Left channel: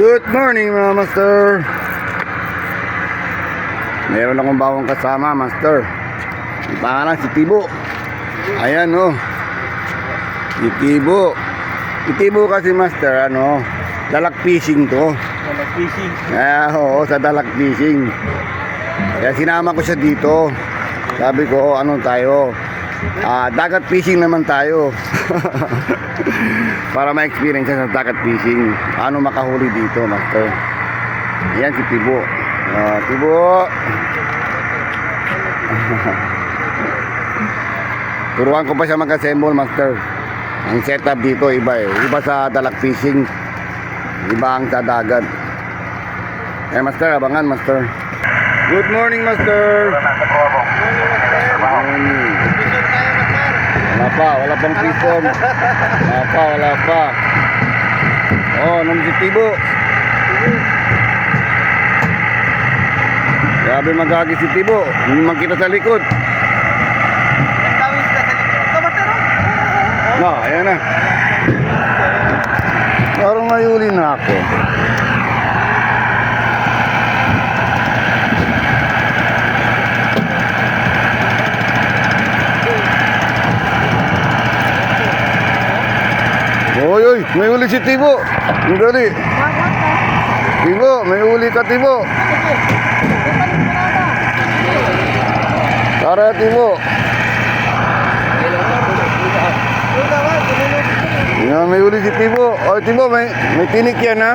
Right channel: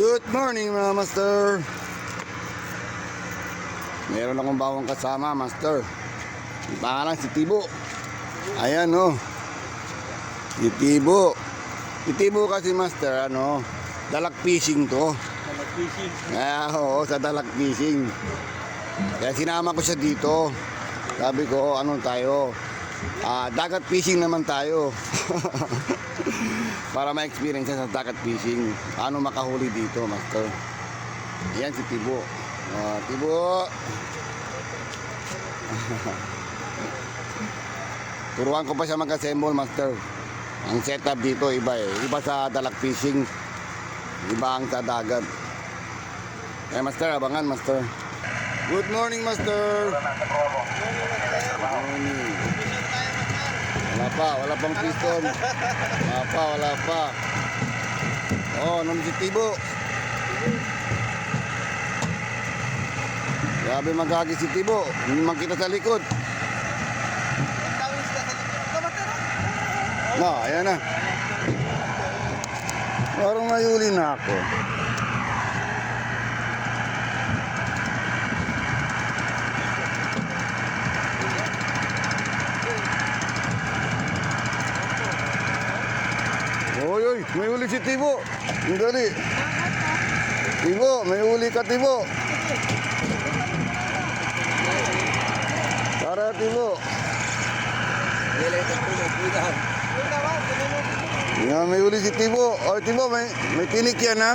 Good morning mga master. Meron akong bagong kasama, master. Ang pangalan si Tibo. Ayan oh. Si Tibo. Si Tibo kasi master, dalak fishing to. Dalak fishing. Oo, sa dalak fishing. Kaya sinama ko siya dito. Sabi ko, tayo? Dagat fishing naman tayo. Para ma-experience sa dagat fishing. Paano makahuli dito, master? Yan si Tibo. Tibo. Turuan ko pa siya mag-assemble, master. Ang setup dito iba eh. Iba sa dalak fishing. Iba ang sa dagat. Master, abangan, master. Good morning, master. Morning. Wala pang piston. Wala pa. Oh, nung si Tibo. Grabe magagi si Tibo. Hindi makita sa likod. Ayan na. Parang nayuli na ako. Oy, may uli si Tibo. Ang dali. Tibo, may uli ka, Tibo. Tara, Tibo. May uli si Tibo. Oy, Tibo, may tinik yan, ha?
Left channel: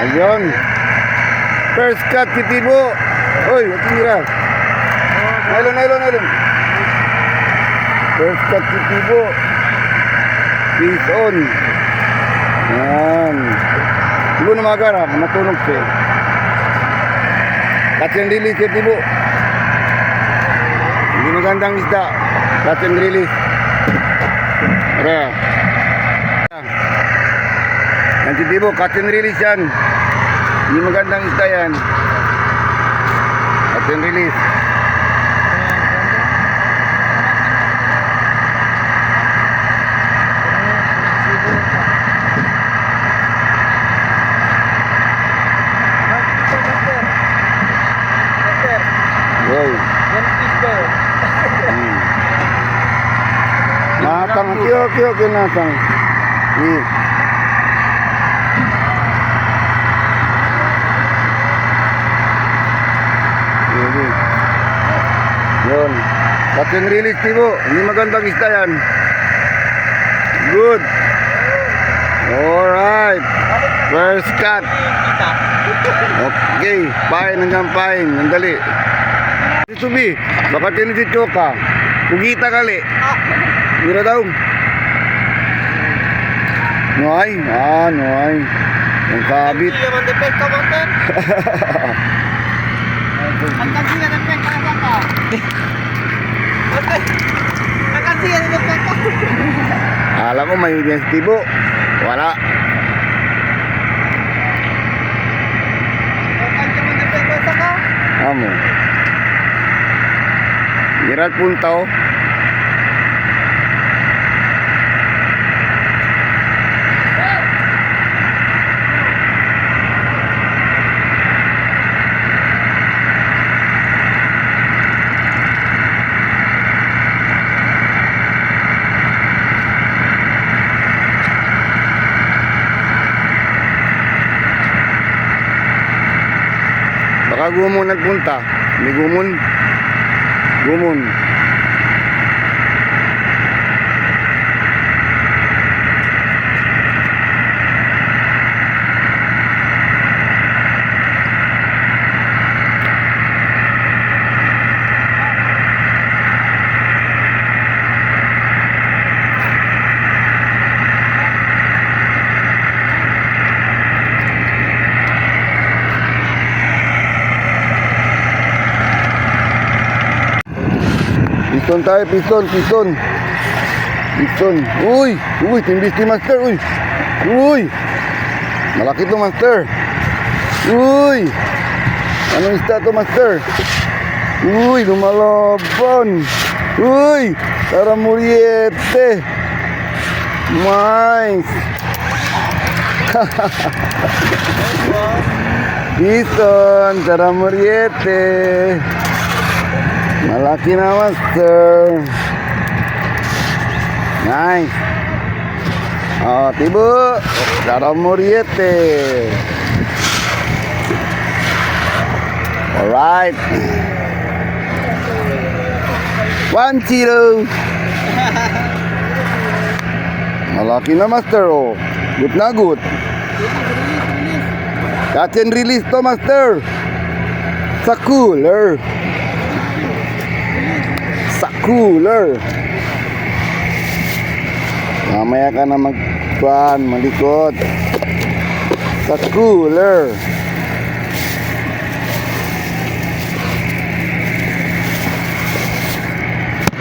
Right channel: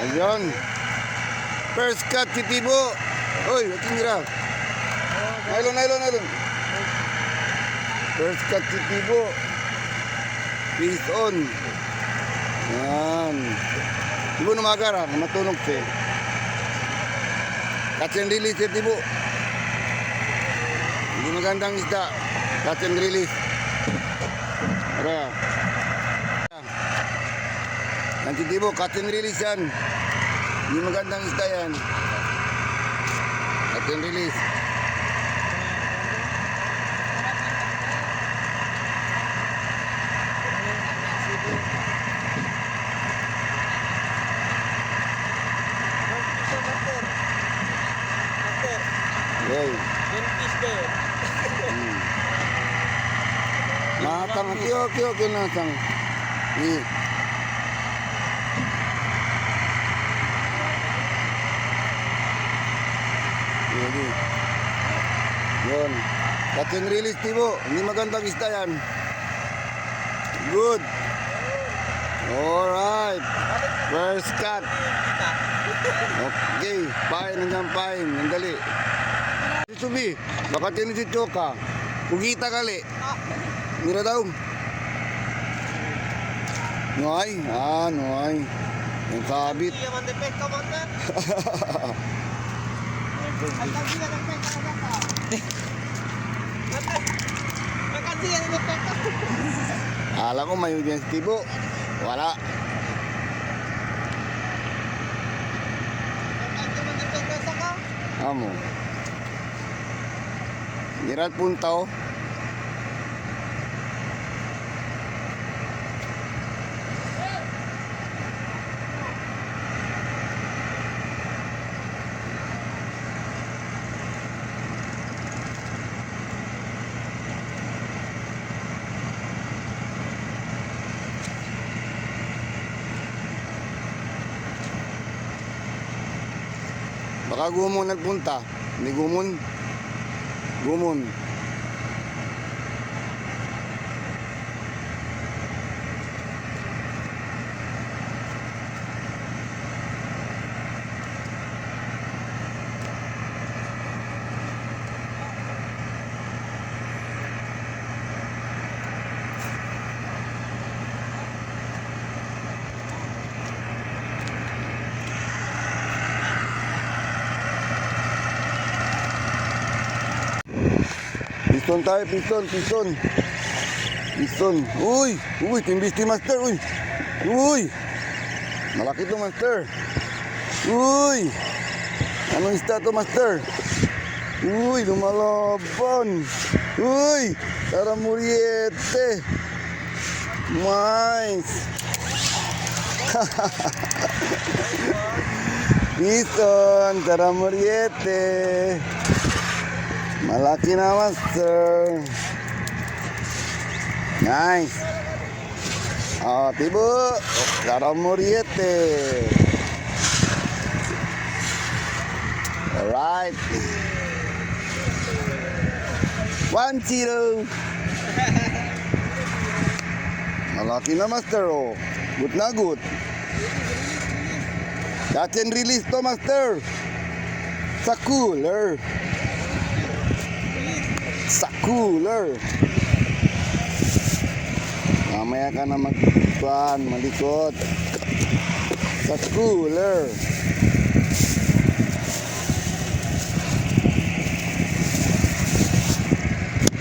Ayun. First cut si Tibo. Oy, matira. Nylon. First cut si Tibo. Fish on. Yan. Tibo na magarap. Matunog siya. Catch and release si Tibo. Hindi magandang isda. Catch and release. Tara. Yan si Tibo. Catch and release yan. Hindi magandang isda yan. Catch and release. Matang, okay, natang. Yun. Catch release, Tibo. Hindi magandang isda yan. Good. Alright. First cut. Okay. Pain hanggang pain. Nandali. Subi. Baka tinisityo ka. Pugita kali. Mira daw. Noy. Noy. Yung kabit. Alam mo may yung Tibo. Wala. Amo. Girat punta oh. Baka gumon nagpunta. Hindi gumon. Gumon. Piston tayo, piston. Uy, timbis ni master, uy. Malaki to, master. Uy. Anong isda to, master? Uy, lumalaban. Uy! Tara Muriete! Nice! Bison! Tara Muriete! Malaki na, master! Nice! Oh, tibo! Tara Muriete! Alright! 1-0! Malaki na, master, oh. Good na good. Catch and release to, master. Sa cooler. Sa cooler. Mamaya ka na malikot. Sa cooler.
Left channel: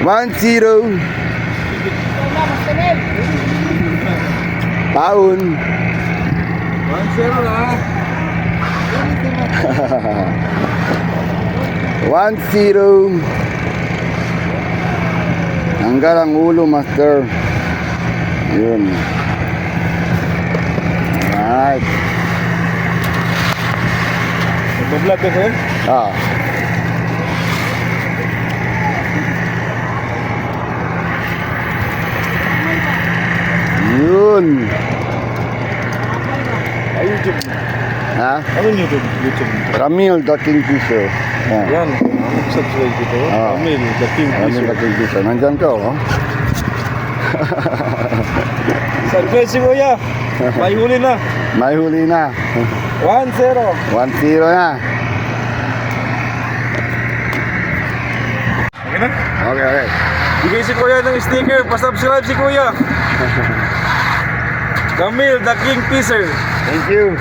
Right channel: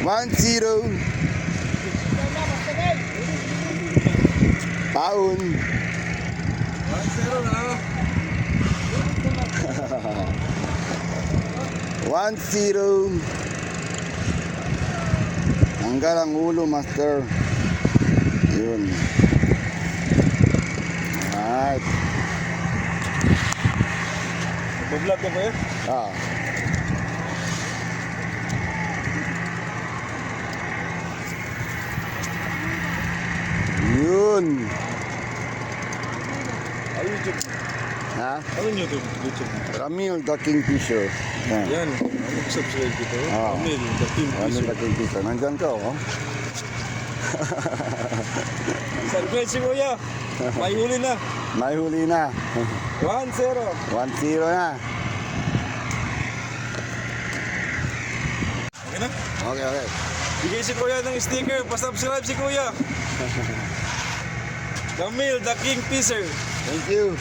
One zero. Taon. 1-0 lang. 1-0. Hanggang ang ulo, master. Yun. Alright. Nag-vlog ka ba? Ah. Yun. Ay, YouTube. Ha? Anong YouTube? YouTube. Ramil the Kingfisher. Oh. Yan. Subscribe dito. Ah. Amil, the King Ramil Fisher. the Kingfisher. Nandyan ka, oh. Subscribe si Kuya. May huli na. May huli na. 1-0. 1-0 na. Okay na? Okay, okay. Bigay si Kuya ng sticker. Pa-subscribe si Kuya. Camille, the King Fisher. Thank you.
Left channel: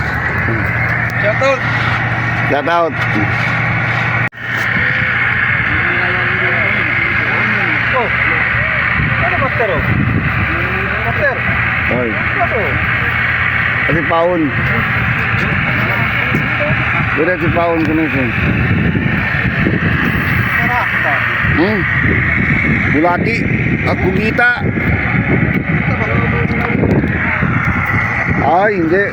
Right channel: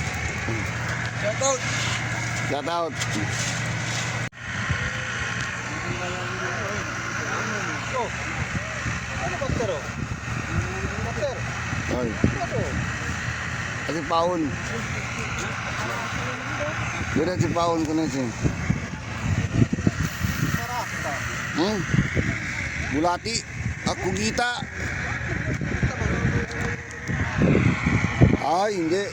Shout out. Shout out. Oh. Ano master oh? Master. Oy. Ano? Kasi paun. Dura si paun ko na siya. Bulati. Ako kita. Ay, hindi.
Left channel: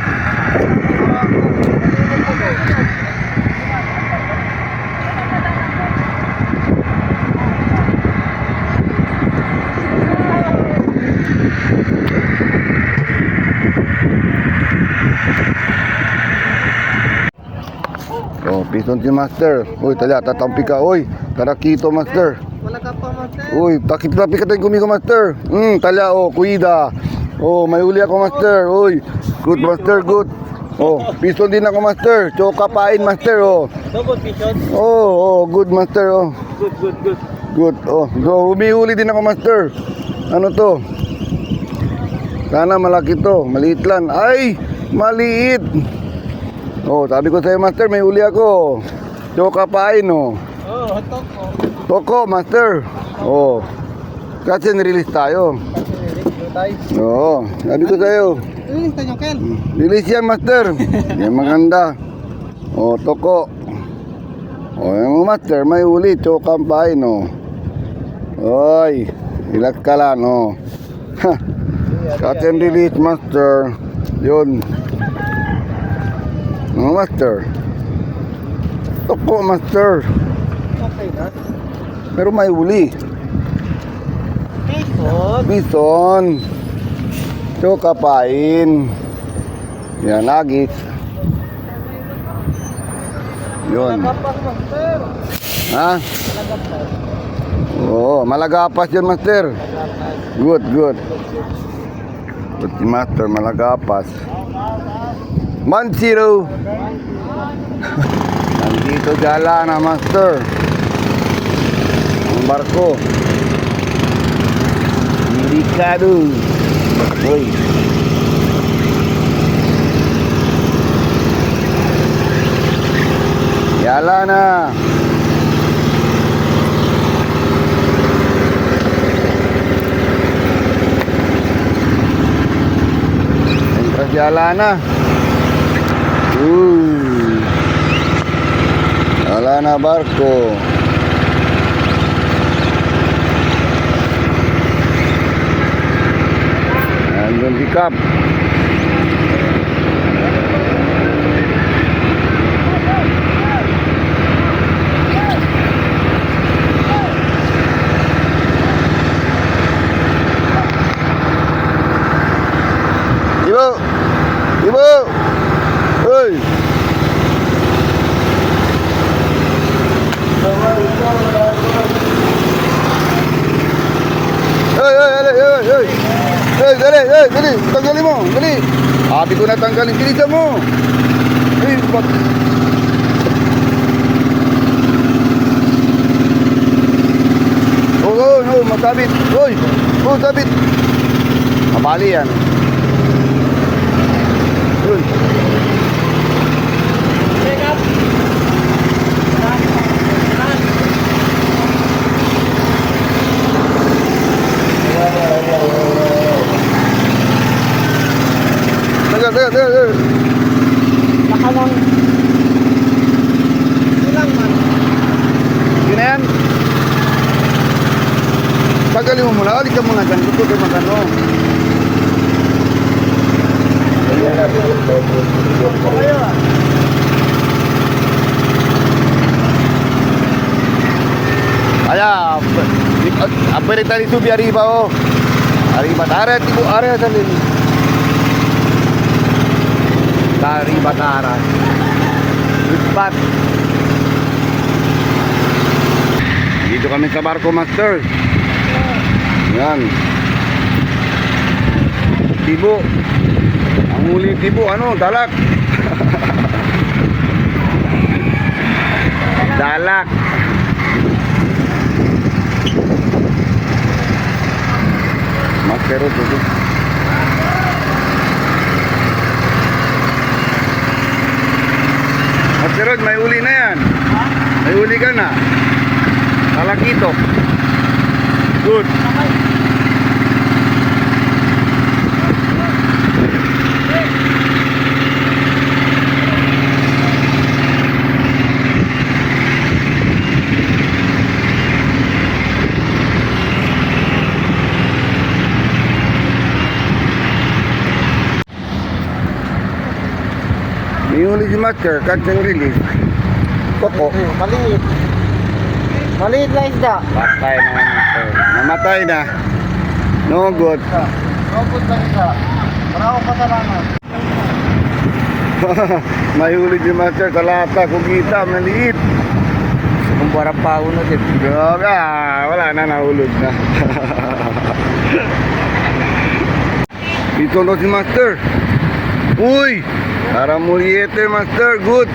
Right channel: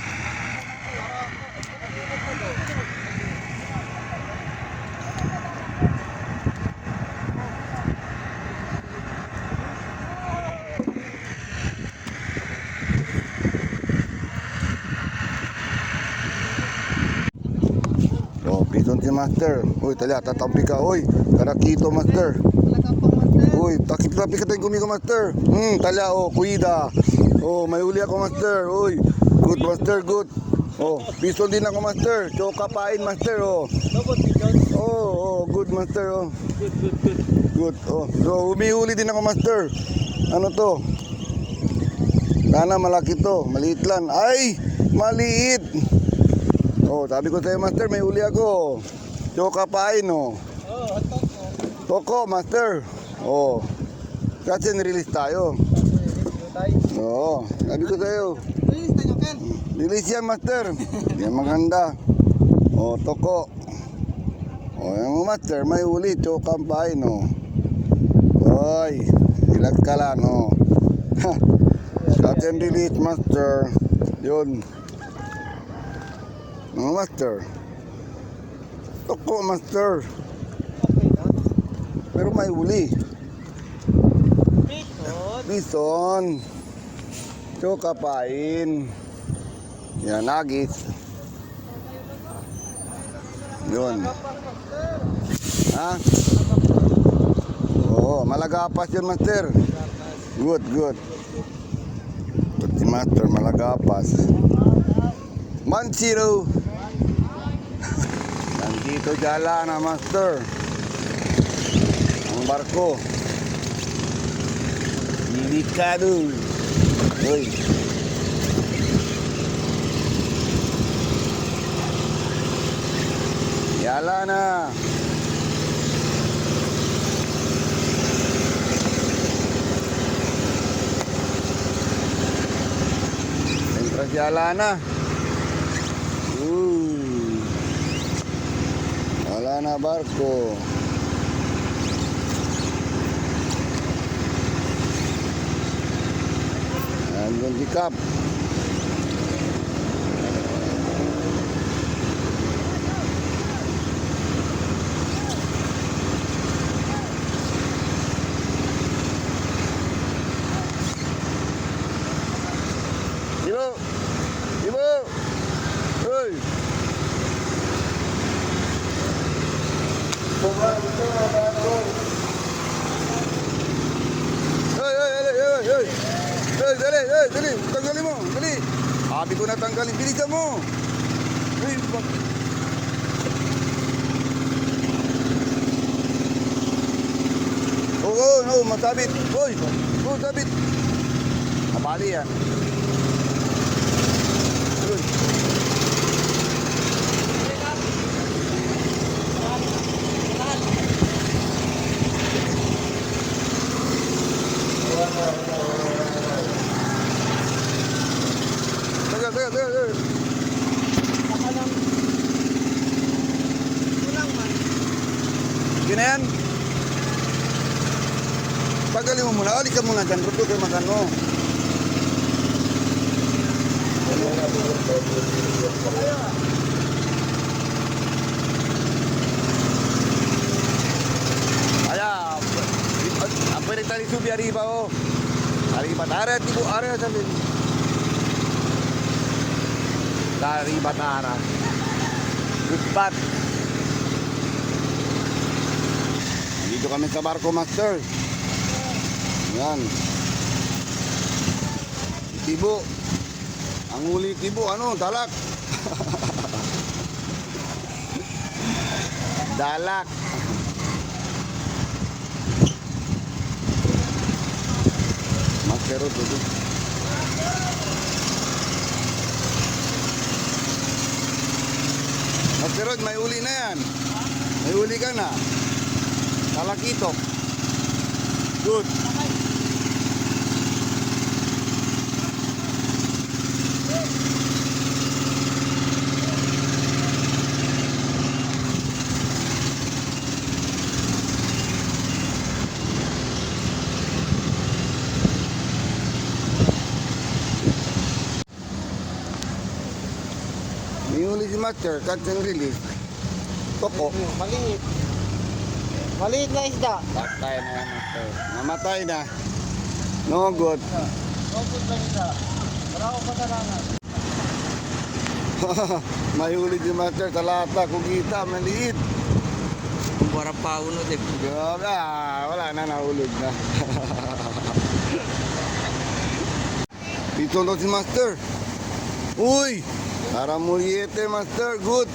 Oh, pison si master. Uy, tala, tatampi ka. Uy, tarakito, master. Wala ka pa, master. Uy, takip-tapi ka tayo kumigo, master. Tala, oh, kuida. Oh, may uli ako, master. Uy, good, master, good. Oh, pison din ako, master. Choka pain, master, oh. Double picture. Oh, good, master, oh. Good, good, good. Good, oh. So, humihuli din ako, master. Ano to? Sana malaki to. Maliit lang. Ay, maliit. Oh, sabi ko sa'yo, master, may huli ako. Choka pain, oh. Oh, hotdog ko. Toko, master. Oh. Kasi nirelease tayo. Oo, sabi ko sa'yo. Release tayo, Kel. Release yan, master. Yan maganda. Oh, toko. Oh, yung master, may huli. Choka pain, oh. Oy, ilag ka lang, oh. Ha. Catch and release, master. Yun. Oh, master. Toko, master. Okay, God. Pero may huli. Bison. Bison. Choka pain. Yan, lagis. Yun. Kapas, master. Ha? Oo, malagapas yun, master. Good, good. Si master, malagapas. 1-0. Nandito jala na, master. Ang barko. Delikado. Uy. Jala na. Jala na. Wala na barko. Crab. Ibu. Ibu. Hei. Dali, tanggalin mo, dali. Sabi ko na tanggalin, bilisan mo. Dali, bak. Matabit. Hoy, tabit. Mabali yan. Hoy. Tagal. Nakalang. Ilang man. Yun na yan. Tagalin mo muna. Alis ka muna dyan. Ito kayo magano. Kaya, aperita di subi arriba oh. Arriba, tara, tibo, are, dali. Arriba, tara. Lipat. Dito kami sa barko, master. Yan. Tibo. Ang huli tibo, ano, dalak. Dalak. Master ito. Master Rod, may huli na yan. May huli ka na. Talakito. Good. May huli si Master, catch and release. Koko. Maliit. Maliit na isda. Patay na Master. Namatay na. No good. Robot na isda. Marako patalanan. May huli si Master sa lata. Kugita, maliit. Kumpara pa uno din. Grabe, wala na, nahulog na. Dito na si Master. Uy! Para muliete, Master. Good.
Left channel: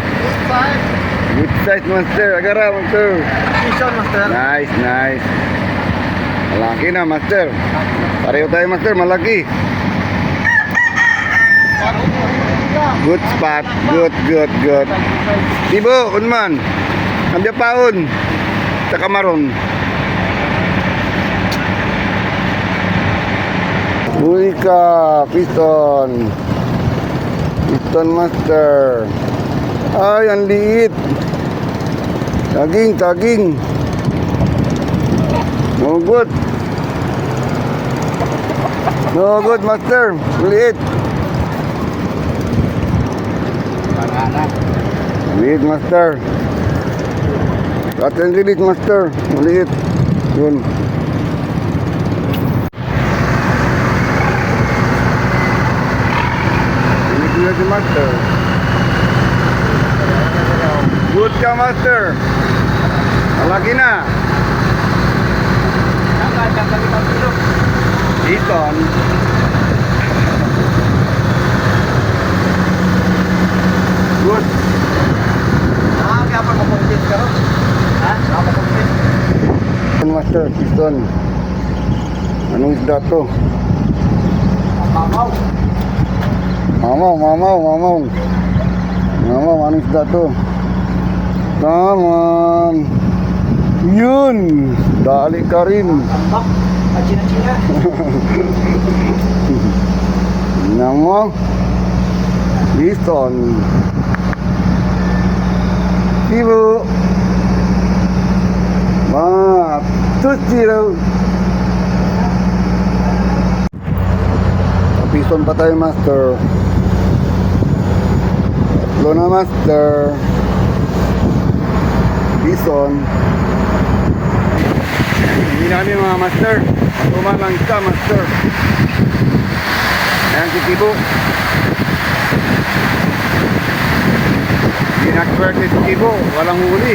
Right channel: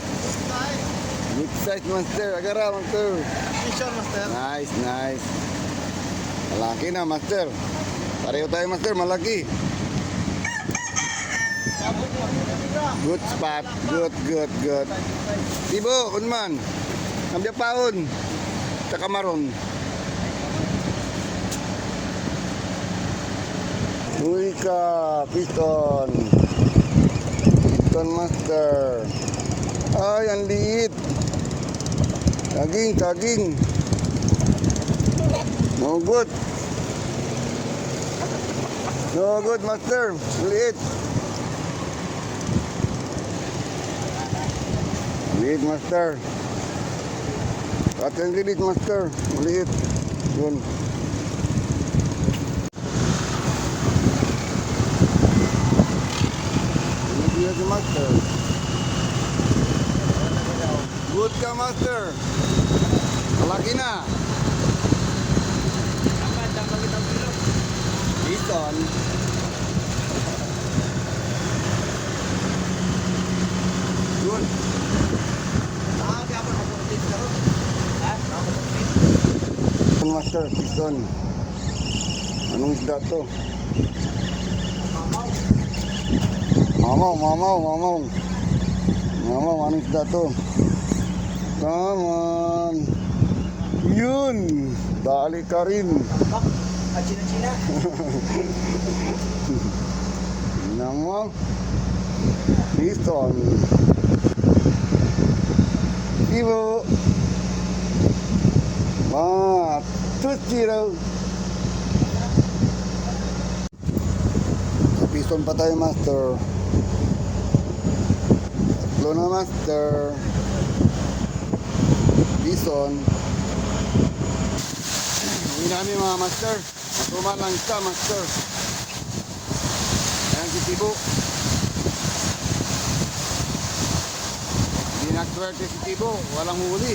Good size, Master. Agara, Master. Fishon, master. Nice. Malaki na, Master. Pareho tayo, Master. Malaki. Good spot. Good. Tibo, unman. Ambya paon. Sa kamaron. Uy ka, piston. Piston, Master. Ay, ang liit. Taging. No good. No good, Master. Liit. Liit, Master. Cut and release, Master. Maliit. Yun. Liit si Master. Good ka, Master. Malaki na. Iton. Good. Kaya pa mapuntit ka ron. Ha? Mapuntit. Master, piston. Anong isda to? Mamaw. Mamaw. Anong isda to? Come on. Yun. Dali ka rin. China. Tingnan mo. Piston. Tibo. Tusti raw. Piston Bison pa tayo, master. Tatlo na, master. Bison. Hindi na kami mga master. Matuman lang isa, master. Ayan si Tibo. Hindi na-swerte si Tibo. Walang huli.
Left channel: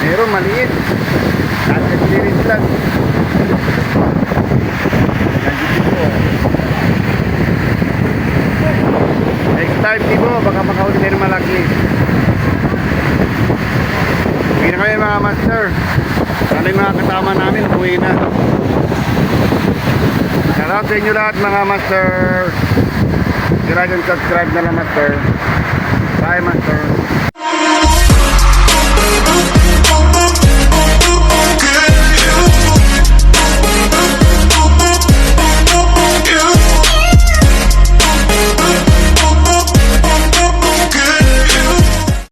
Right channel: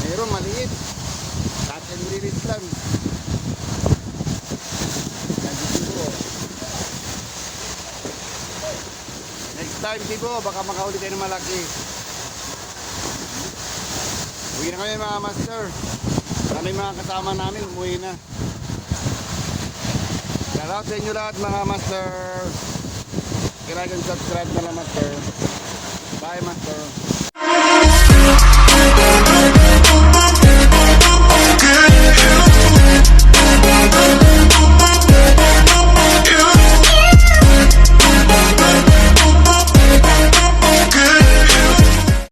Meron maliit. Dati experience lang. Ayan si Tibo. Next time, Tibo. Baka makahuli tayo ng malaki. Hindi na kami mga master. Sana yung mga kasama namin, uwi na. Shoutout sa inyo lahat mga master. Like and subscribe na lang, master.